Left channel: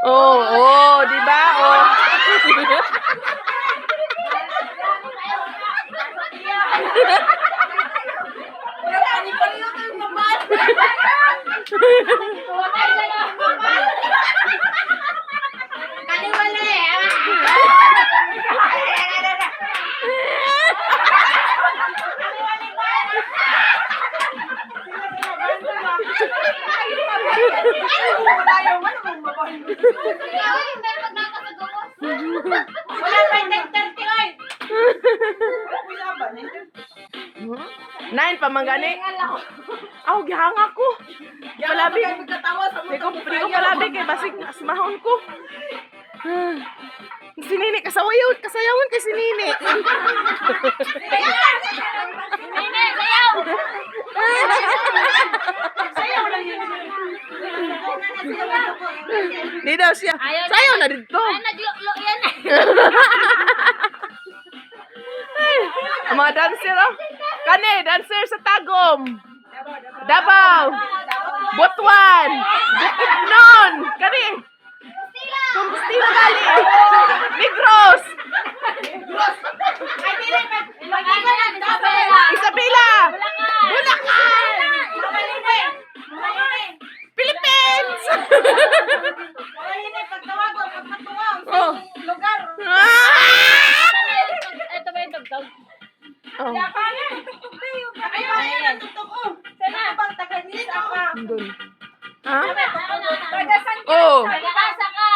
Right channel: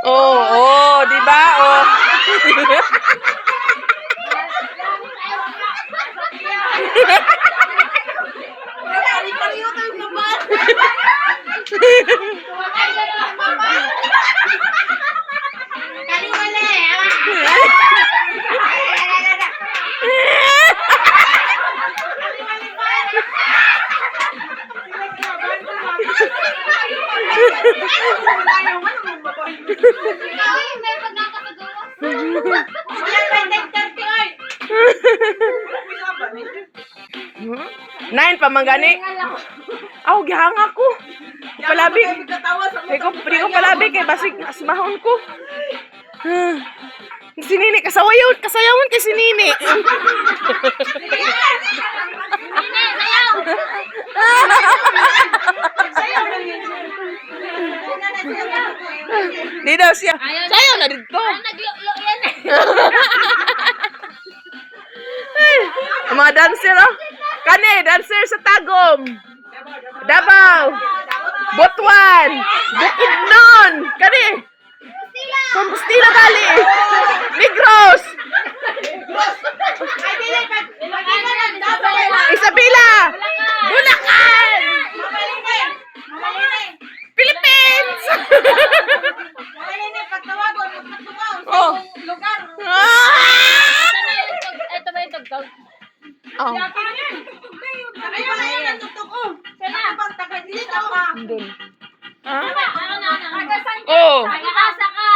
Oh, oh, di ba? Oh. Nine pa man gani. Aw gihang ako. Palabi. Di ko palabi kay basig asmahon ko. Si Nini kasayawan kay si Nini. Di daw siya. Sayaw na dito. Naglo yan. Ang mga dancer, oh. Kani, dancer sa Tagum. Davao. Butuan. Bukidnon. Kani. Compostela gali. Negros. Isabela. Bulacan. Philippines. Oh. Ito ba yung tugtog? Oh. Doon. Ha? Oh. Nag-aasa ka.